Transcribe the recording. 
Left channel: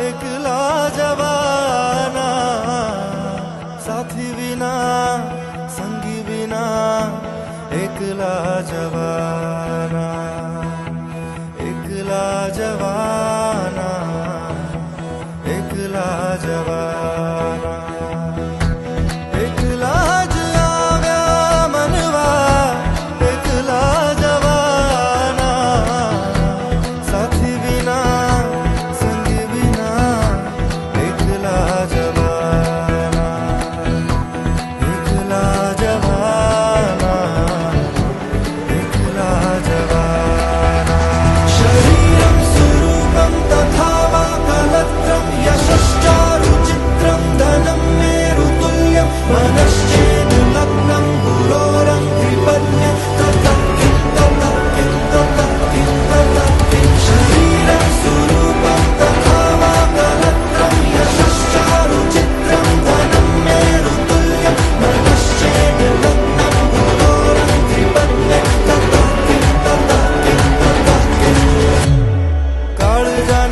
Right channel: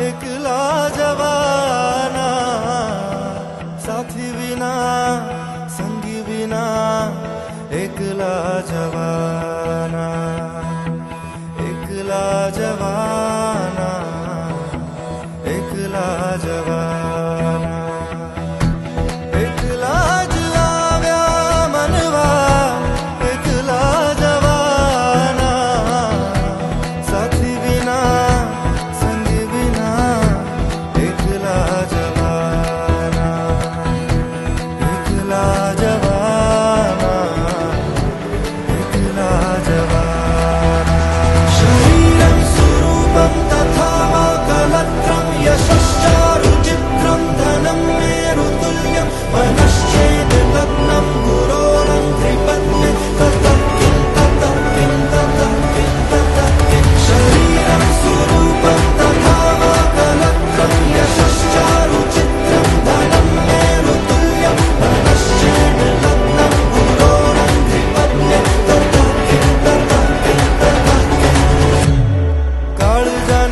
एकला जवाना, साथी विना संगी विना एकला जवाना, एकला जवाना, एकला जवाना. एकला आव्या मनवा एकला जवाना, साथी विना संगी विना एकला जवाना, एकला जवाना, एकला जवाना. शरीरं स्वरूपं तथा वा कलत्रं यशश्चारुचित्रं धनं मेरुतुल्यं मनश्चेदलग्नं गुरोरं त्रिपद्मं ततः किं ततः किं ततः किं ततः किं. शरीरं स्वरूपं तथा वा कलत्रं यशश्चारुचित्रं धनं मेरुतुल्यं मनश्चेदलग्नं गुरोरं त्रिपद्मं ततः किं ततः किं ततः किं. काळजा